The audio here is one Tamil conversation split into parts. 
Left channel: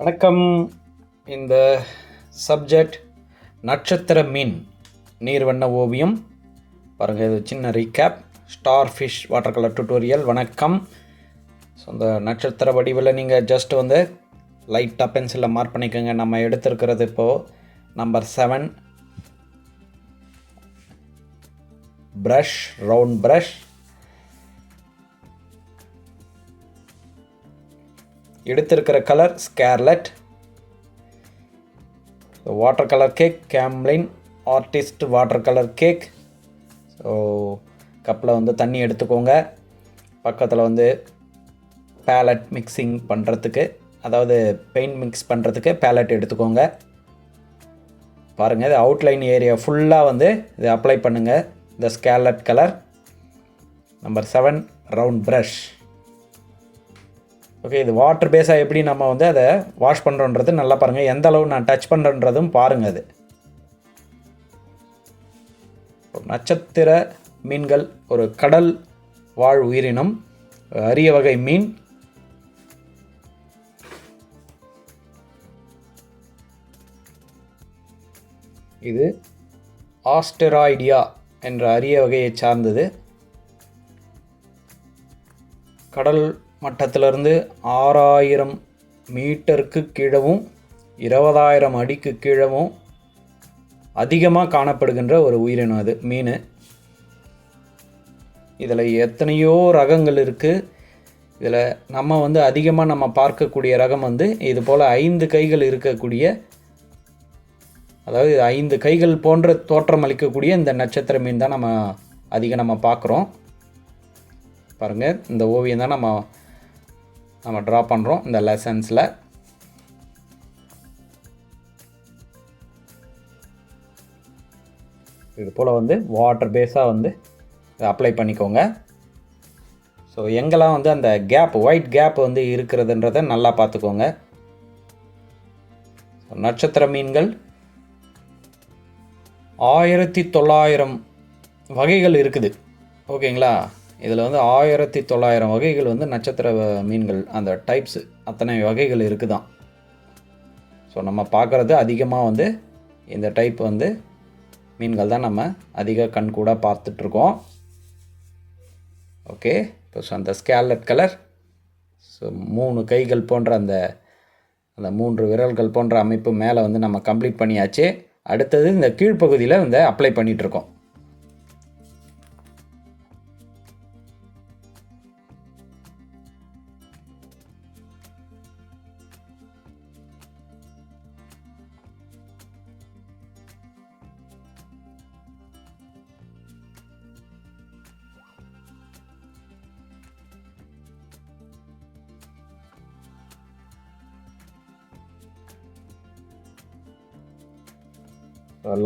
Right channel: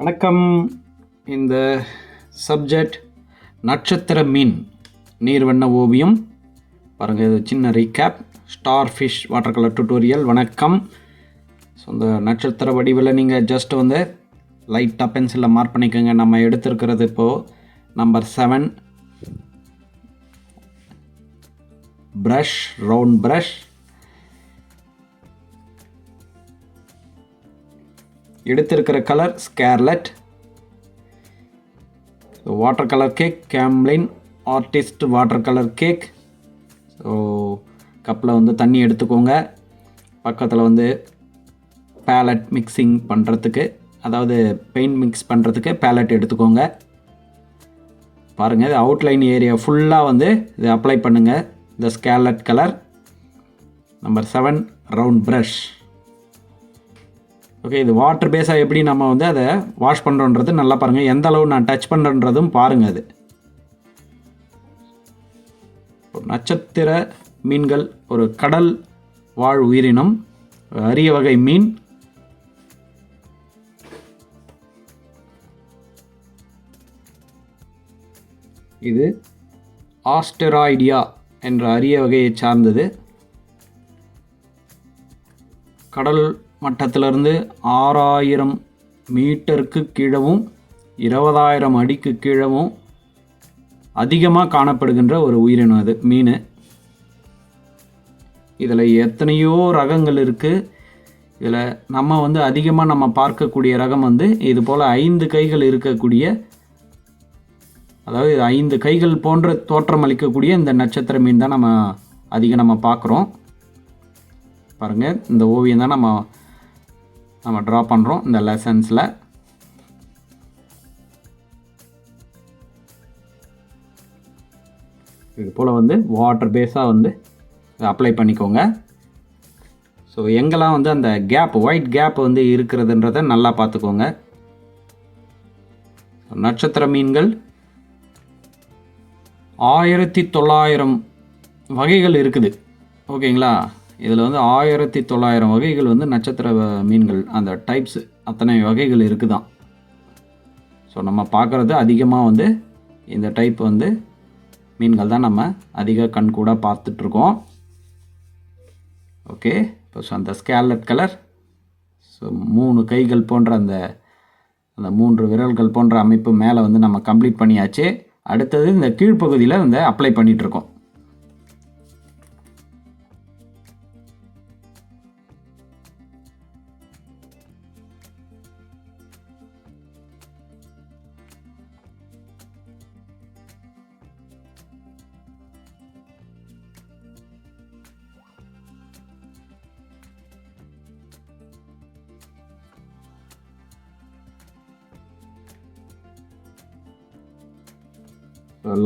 வணக்கம். இந்த சப்ஜெக்ட் நட்சத்திர மீன் நீர்வண்ண ஓவியம். பாருங்கள், இது சின்ன recap. Star fish water colour tutorial. வணக்கம். ஸோ இந்த நட்சத்திர வடிவில் நீங்கள் ஜஸ்ட் வந்து லைட்டாக பென்சிலில் மார்க் பண்ணிக்கோங்க. நம்ம எடுத்துருக்கிறது இப்போது நம்பர் 7 ப்ரஷ், ரவுண்ட் ப்ரஷ். எடுத்திருக்கிற colour scarlet. Water colour cake, Camlin artist water colour cake. So கப்பில் வந்து தண்ணி எடுத்துக்கோங்க. பக்கத்தில் வந்து பேலட் மிக்சிங் பண்ணுறதுக்கு, அதாவது பெயிண்ட் மிக்ஸ் பண்ணுறதுக்கு பேலட் எடுத்துக்கோங்க. பாருங்கள், இது அவுட்லைன் ஏரியா ஃபுல்லாக வந்து இதை அப்ளை பண்ணுங்கள். இந்த scarlet colour number 7 round brush. Okay, இது வாட்டர் பேஸாக எப்படி நம்ம வந்து அதை வாஷ் பண்ணுறோன்றது நல்லா பாருங்கள். எந்த அளவு நான் டச் பண்ணுறன்றதும் பாருங்கள். அது நட்சத்திர மீன்கள் ஒரு கடல் வாழ் உயிரினம், அரிய வகை மீன். இது ஆஸ்டெராய்டியா என்ற அரிய வகையை சார்ந்தது. கடல் மட்டத்திலிருந்து 6000 மீட்டருக்கு கீழவும் 20,000 அடிக்கு கீழவும் அதிகமாக காணப்படுகின்ற ஒரு உயிரினம் அது மீன். இதில் எத்தனையோ ரகங்கள் இருக்குது. இதில் நம்ம வந்து அதிகமாக நம்ம பார்க்கக்கூடிய ரகம் வந்து இது போல் 5 கைகள் இருக்கக்கூடிய, அதாவது 5 கைகள் போன்ற தோற்றம் அளிக்கக்கூடிய இந்த நட்சத்திர மீன் தான் நம்ம பார்க்குறோம். பாருங்கள், இந்த ஓவியம் தான் நம்ம ட்ரா பண்ணுறோம் இந்த லெசன்ஸில். இது போல் வந்து வாட்டர் பேஸாக வந்து அப்ளை பண்ணிக்கோங்க. ஸோ எங்கெல்லாம் வந்து அந்த கேப், ஒயிட் கேப் வந்து இருக்கிறதுன்றதை நல்லா பார்த்துக்கோங்க. நட்சத்திர மீன்கள் 1900 வகைகள் இருக்குது. ஓகேங்களா? இதில் வந்து 1900 வகைகள் வந்து நட்சத்திர மீன்கள், அந்த டைப்ஸ் அத்தனை வகைகள் இருக்குதான். ஸோ நம்ம பார்க்குறது அதிகமாக வந்து இந்த டைப் வந்து மீன்கள் தான் நம்ம அதிக கண்கூட பார்த்துட்ருக்கோம். ஓகே, இப்போ அந்த ஸ்கேர்லெட் கலர், ஸோ 3 கைகள் போன்ற அந்த 3 விரல்கள் போன்ற அமைப்பு மேலே வந்து நம்ம கம்ப்ளீட் பண்ணியாச்சு. அடுத்தது இந்த கீழ்ப்பகுதியில் வந்து அப்ளை பண்ணிகிட்ருக்கோம்.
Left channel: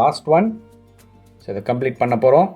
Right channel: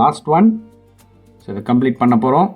Last one. ஸோ இதை கம்ப்ளீட் பண்ண போகிறோம்.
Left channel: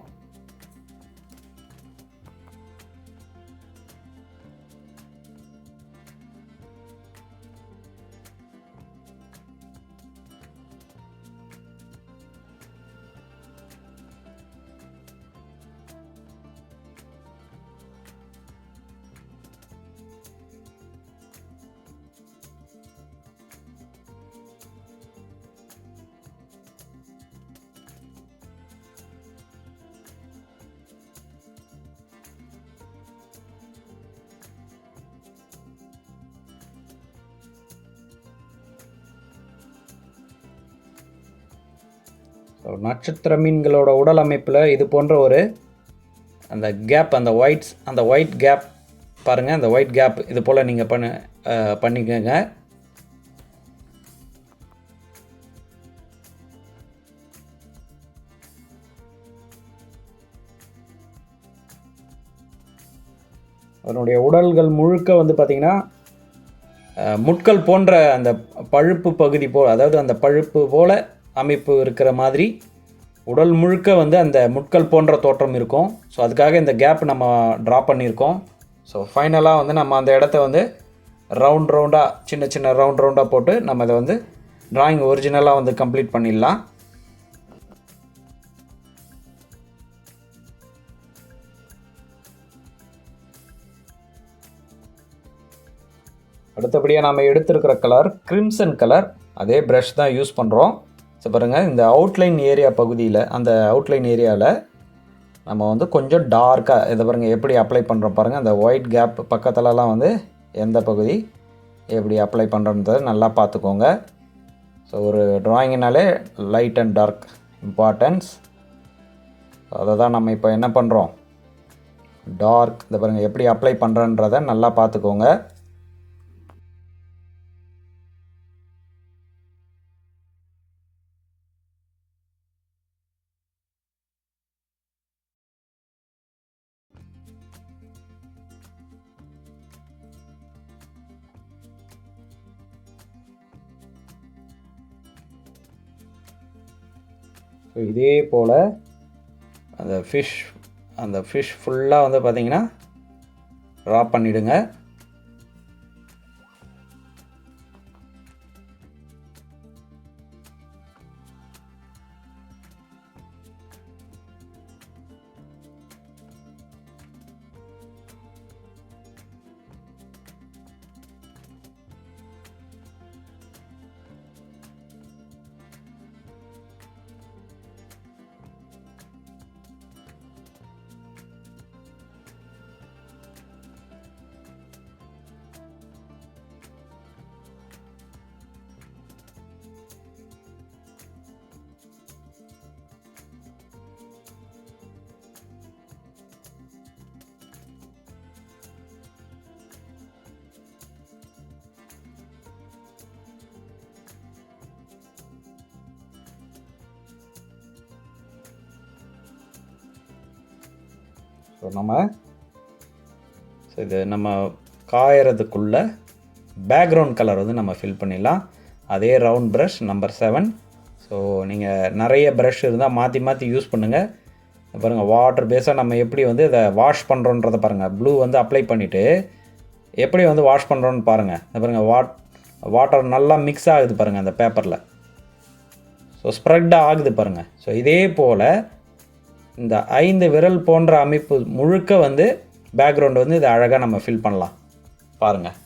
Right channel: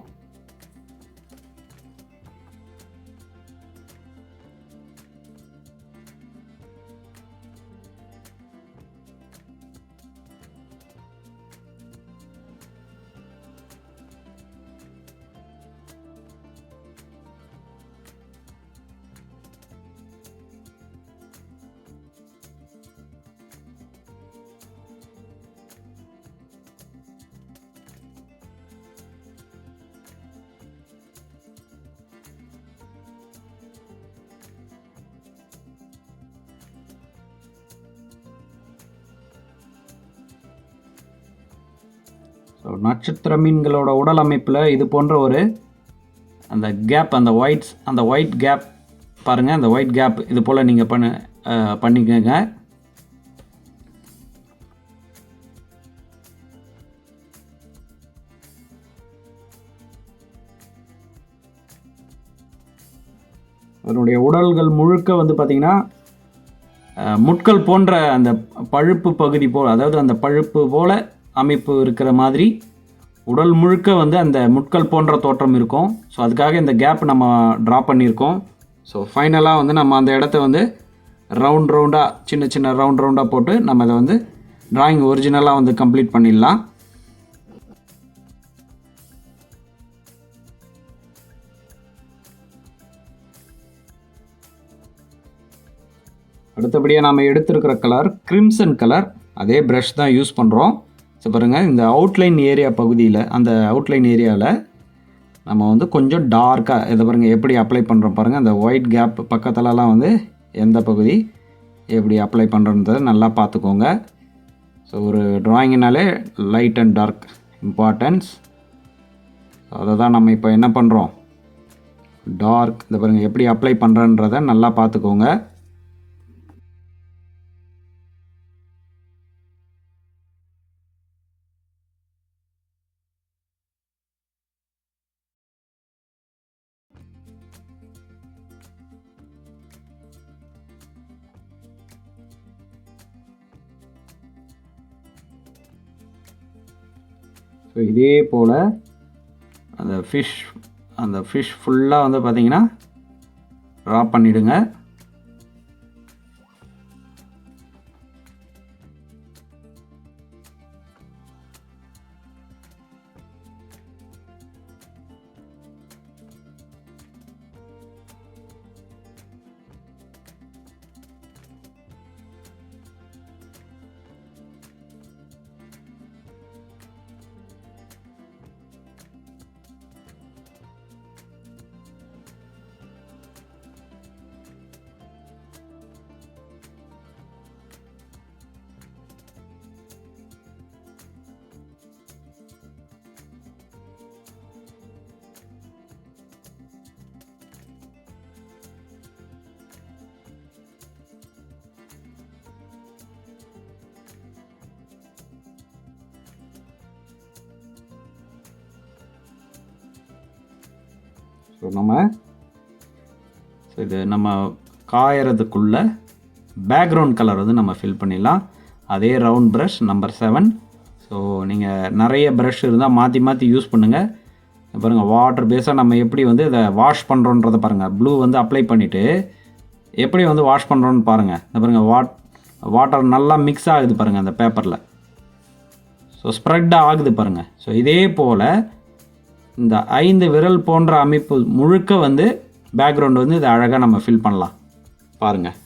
ஸோ நட்சத்திர மீன்களோட உடல் அமைப்பில் இது போன்ற ஒரு அந்த கேப், அந்த ஒயிட் கேப் பாருங்கள். அந்த ஒயிட் கேப் இது போல் நீங்கள் பண்ணிக்கோங்க. அதனுடைய உடல்கள் முழுக்க வந்து பார்த்திங்கன்னா முட்கள் போன்ற அந்த பழுப்பு பகுதி போல், அதாவது அந்த பழுப்பு போல் அமைப்பு இருக்கிற மாதிரி உடல் முழுக்க வந்து அந்த முட்கள் போன்ற தோற்றம் இருக்கும். ஸோ அதுக்காக இந்த கேப் நம்ம ட்ரா பண்ணியிருக்கோம். ஸோ ஃபைனலாக வந்து நம்ம அந்த இடத்த வந்து ரவுண்டாக சின்ன ரவுண்டாக போட்டு நம்ம அதை வந்து ட்ராயிங் ஒரிஜினலாக வந்து கம்ப்ளீட் பண்ணிடலாம். அடுத்தபடியாக நாம் எடுத்திருக்கிற கலர் கிரிம்சன் கலர். அதே ப்ரஷ் தான் யூஸ் பண்ணுறோம். ஸோ பாருங்கள், இந்த அவுட்லைன் ஏரியா பகுதியில், அந்த அவுட்லைன் ஏரியாவில் நம்ம வந்து கொஞ்சம் டார்க்காக இதை பாருங்கள் எப்படி அப்ளை பண்ணுறோம் பாருங்கள். அந்த ஒயிட் கேப் பக்கத்துலலாம் வந்து எந்த பகுதி எப்படி அப்ளை பண்ணுறன்றதை நல்லா பார்த்துக்கோங்க. ஸோ ஒரு ட்ராயிங்கினாலே லைட் அண்ட் டார்க் இம்பார்ட்டன்ஸ். அதை தான் நம்ம இப்போ என்ன பண்ணுறோம், டார்க் இதை பாருங்கள் எப்படி அப்ளை பண்ணுறன்றதை நல்லா பார்த்துக்கோங்க. ஸோ இதே போல் அந்த ஃபிஷ் ஃபுல்லாக வந்து பார்த்திங்கன்னா ட்ரா பண்ணிவிடுங்க. ஸோ இது நம்ம காயறதுக்குள்ள பேக்ரவுண்ட் கலர் வந்து நம்ம ஃபில் பண்ணிடலாம். அதே ரவுண்ட் ப்ரஷ் நம்பர் 7. ஸோ நீங்கள் நிறைய ப்ரஷ் இருந்தால் மாற்றி மாற்றி யூஸ் பண்ணுங்கள். பாருங்கள், வாட்டர் பேஸாக நம்ம எப்படி வந்து இதை வாஷ் பண்ணுறோன்றதை பாருங்கள். ப்ளூ வந்து அப்ளை பண்ணிவிட்டு எப்படி வந்து வாஷ் பண்ணுறோன்னு பாருங்கள். பாருங்கள், வாட்டர் நல்லா மிக்ஸ் ஆகுது பாருங்கள் அந்த பேப்பரில். ஸோ ஸ்ப்ரெட் ஆகுது பாருங்கள். ஸோ இதே போல் இந்த 5 விரல் போன்ற அமைப்பு முழுக்க வந்து பேக்ரவுண்ட் வந்து இதை அழகாக நம்ம ஃபில் பண்ணலாம் பாருங்கள்.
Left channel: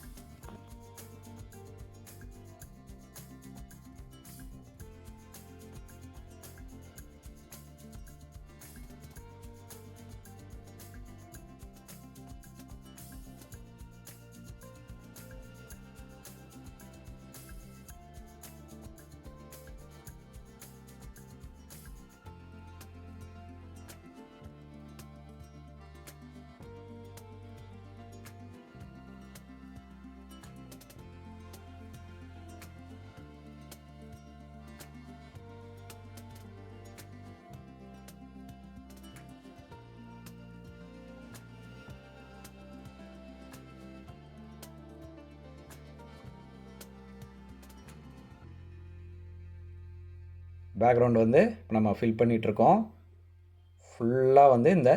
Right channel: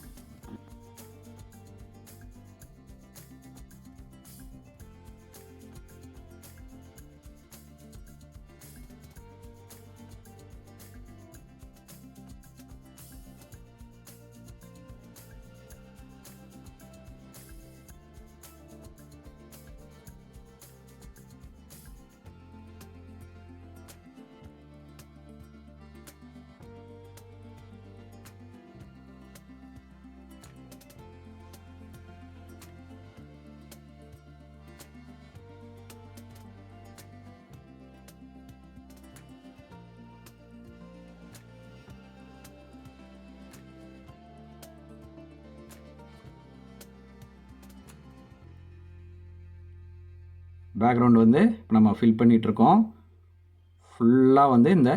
பேக்ரவுண்ட் வந்து நம்ம ஃபில் பண்ணிகிட்ருக்கோம். ஃபுல்லாக வந்து இந்த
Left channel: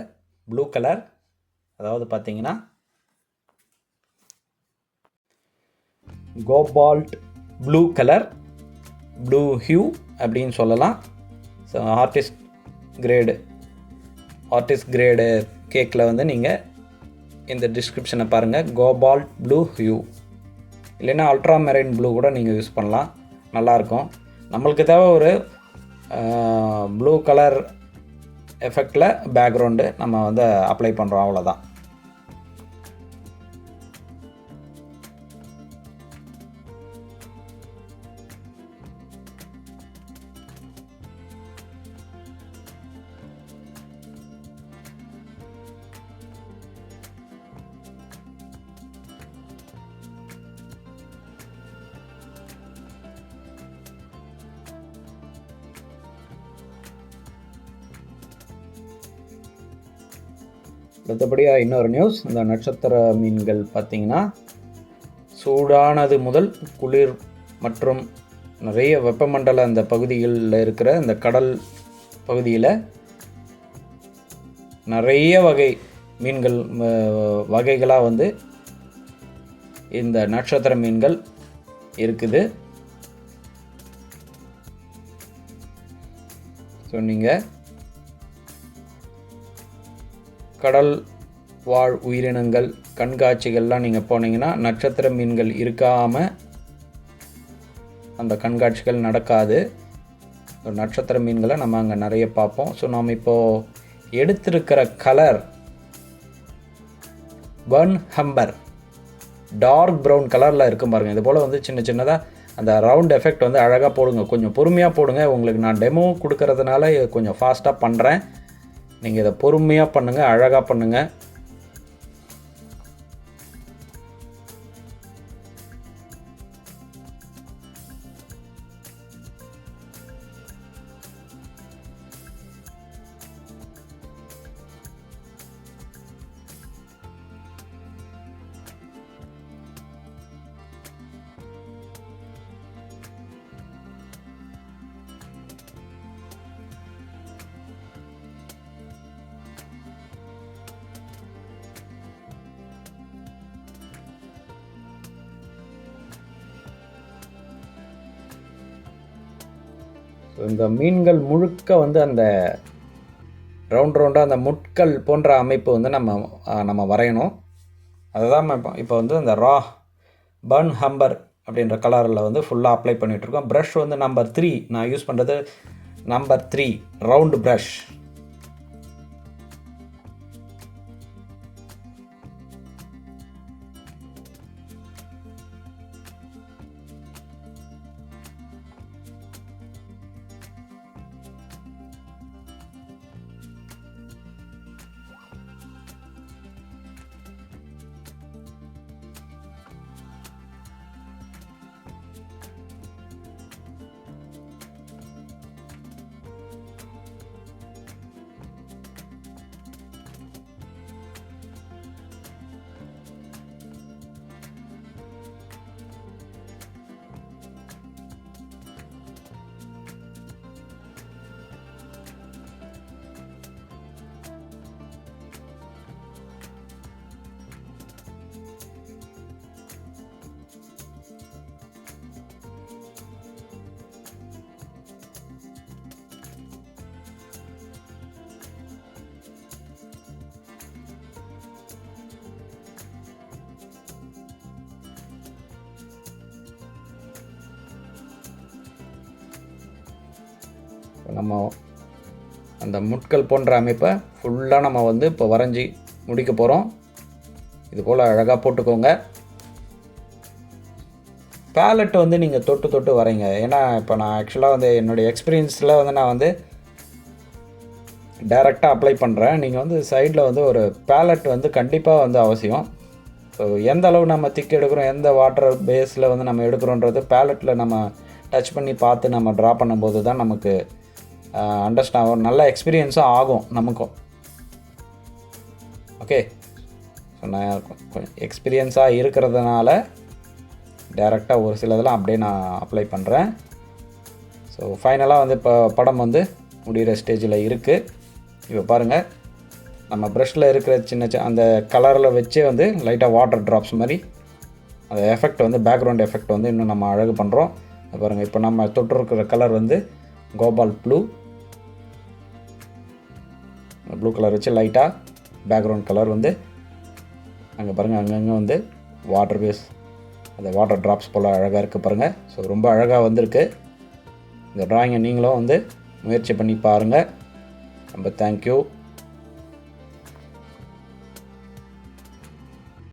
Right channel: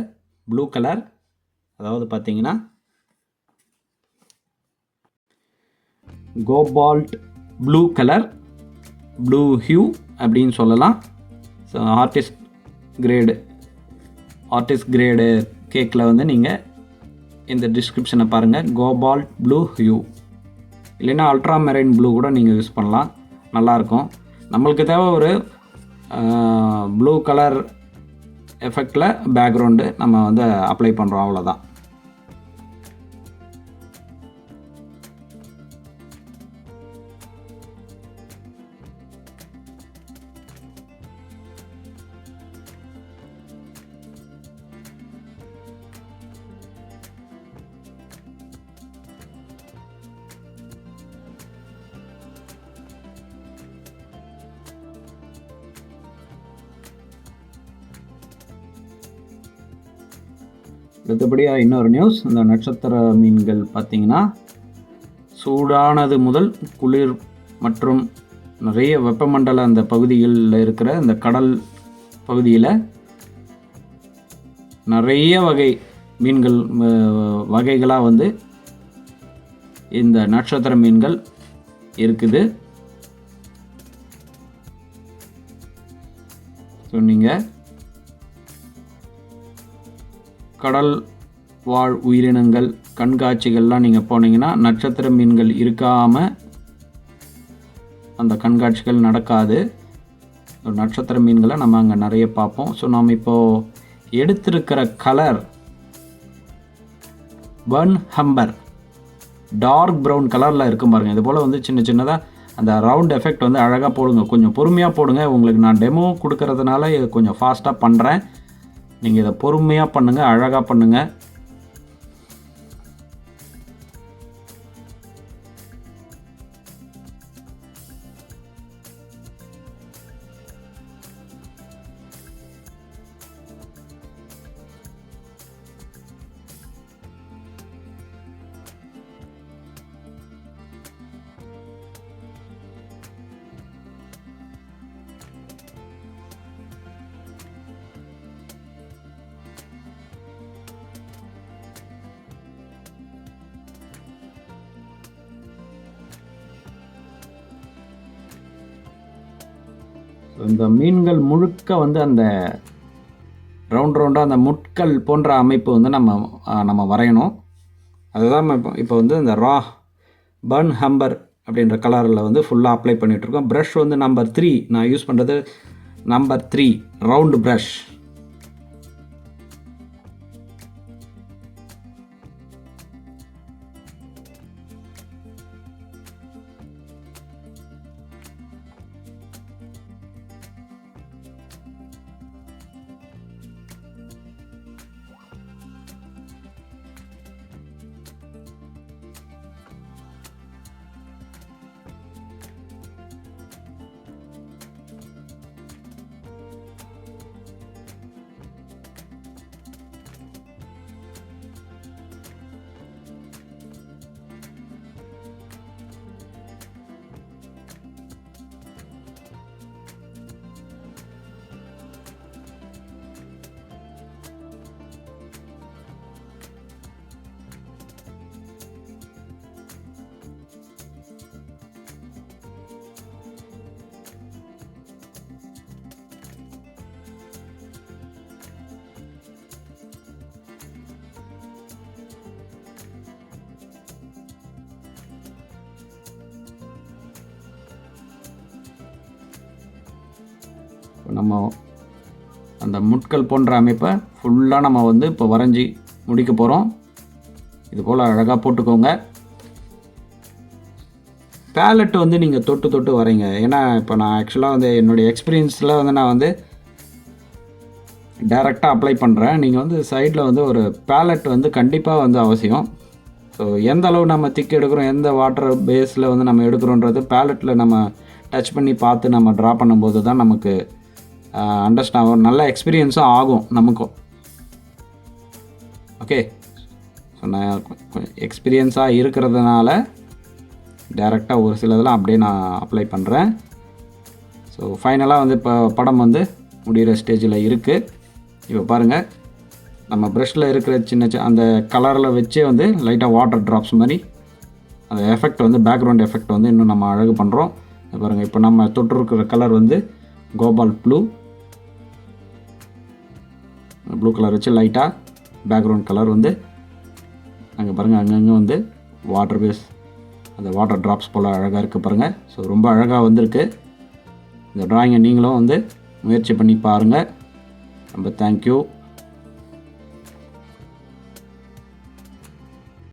ப்ளூ கலர், அதாவது பார்த்திங்கன்னா cobalt blue colour, blue hue அப்படின்னு சொல்லலாம். ஸோ ஆர்டிஸ்ட் கிரேடு கேக்கில் வந்து நீங்கள் இந்த டிஸ்கிரிப்ஷனை பாருங்கள். கோபால்ட் ப்ளூ ஹியூ இல்லைன்னா அல்ட்ரா மெரைன் ப்ளூ கூட நீங்கள் யூஸ் பண்ணலாம், நல்லாயிருக்கும். நம்மளுக்கு தேவை ஒரு ப்ளூ கலர் எஃபெக்டில் பேக்ரவுண்டு நம்ம வந்து அப்ளை பண்ணுறோம், அவ்வளோதான். அடுத்தபடியாக இன்னொரு நியூஸ், இந்த நட்சத்திர மீன்கள் பார்த்திங்கன்னா சூடானது முதல் குளிர் மற்றும் நிறைய வெப்பமண்டல அந்த பகுதிகளில் இருக்கிற இந்த கடல் பகுதியில் நிறைய வகை மீன்கள் வகைகளாக வந்து இந்த நட்சத்திர மீன்கள் இருக்குது. ஸோ நீங்கள் கடல் வாழ் உயிரினங்கள் கண்காட்சிகள்லாம் நீங்கள் போனீங்கன்னா நட்சத்திர மீன்கள் இருக்காமல் அந்த கண்காட்சிகள் நடக்காது. நட்சத்திர மீன்களை நம்ம அங்கே நிறைய பார்ப்போம். ஸோ நாம் இப்போது எடுத்திருக்கிற colour burnt umber dark brown கலரில் இருக்கும் பாருங்கள். இது போல் வந்து சின்ன சின்னதாக அந்த ரவுண்ட் எஃபெக்ட் வந்து அழகாக போடுங்க. கொஞ்சம் பொறுமையாக போடுங்க. உங்களுக்கு நான் டெமோ கொடுக்கறதுனால கொஞ்சம் ஃபாஸ்ட்டாக பண்ணுறேன். நீங்கள் இதை பொறுமையாக பண்ணுங்கள், அழகாக பண்ணுங்கள். இந்த மீன்கள் முழுக்க வந்து அந்த ரவுண்டாக அந்த முட்கள் போன்ற அமைப்பு வந்து நம்ம வரையணும். அதுதான் இப்போ வந்து இந்த பர்ன் ஹம்பர் அப்படின்ற கலரில் வந்து ஃபுல்லாக அப்ளை பண்ணிகிட்ருக்கோம். ப்ரஷ் வந்து நம்பர் 3 நான் யூஸ் பண்ணுறது நம்பர் 3 ரவுண்டு ப்ரஷ். நம்ம அந்த முட்கள் போன்ற அமைப்பை ஃபுல்லாக நம்ம வந்து இப்போ வரைஞ்சி முடிக்க போகிறோம். இது போல் அழகாக போட்டுக்கோங்க. பேலட் வந்து நீங்கள் தொட்டு வரைங்க. ஏன்னா இப்போ நான் ஆக்சுவலாக வந்து என்னுடைய எக்ஸ்பீரியன்ஸில் வந்து நான் வந்து டைரெக்டாக அப்ளை பண்ணுறேன். நீங்கள் வந்து சைடில் வந்து ஒரு பேலட் வந்து கண்டிப்பாக வந்து அவசியம். ஸோ எந்த அளவு நம்ம திக் எடுக்கிறோம், எந்த வாட்டர் பேஸில் வந்து நம்ம எடுக்கிறோன்றது பேலட்டில் நம்ம டச் பண்ணி பார்த்து நம்ம ட்ரா பண்ணும்போது தான் நமக்கு அண்டர்ஸ்டாண்ட் நல்ல எக்ஸ்பீரியன்ஸும் ஆகும் நமக்கும். ஓகே, ஸோ நான் கொஞ்சம் எக்ஸ்பீரியன்ஸாக இருக்கிறதுனால டைரெக்டாக ஒரு சிலதெல்லாம் அப்படியே நான் அப்ளை பண்ணுறேன். ஸோ ஃபைனலாக வந்து இப்போ படம் வந்து முடிகிற ஸ்டேஜில் இருக்குது. இப்போ பாருங்கள், நம்ம ப்ரஷில் இருக்கிற சின்ன அந்த கலரில் வச்சே வந்து லைட்டாக வாட்டர் ட்ராப்ஸ் மாதிரி அந்த எஃபெக்ட் வந்து பேக்ரவுண்ட் எஃபெக்ட் வந்து இன்னும் நம்ம அழகு பண்ணுறோம். பாருங்கள், இப்போ நம்ம தொட்டிருக்கிற கலர் வந்து கோபால் ப்ளூ கலர் வச்சு லைட்டாக பேக்ரவுண்ட் கலர் வந்து அங்கே பாருங்கள், அங்கங்கே வந்து வாட்டர் பேஸ் அந்த வாட்டர் ட்ராப்ஸ் போல் அழகாக இருக்குது பாருங்கள். ஸோ ரொம்ப அழகாக வந்திருக்கு. இந்த ட்ராயிங்கை நீங்களும் வந்து முயற்சி பண்ணி பாருங்கள். ரொம்ப தேங்க்யூ.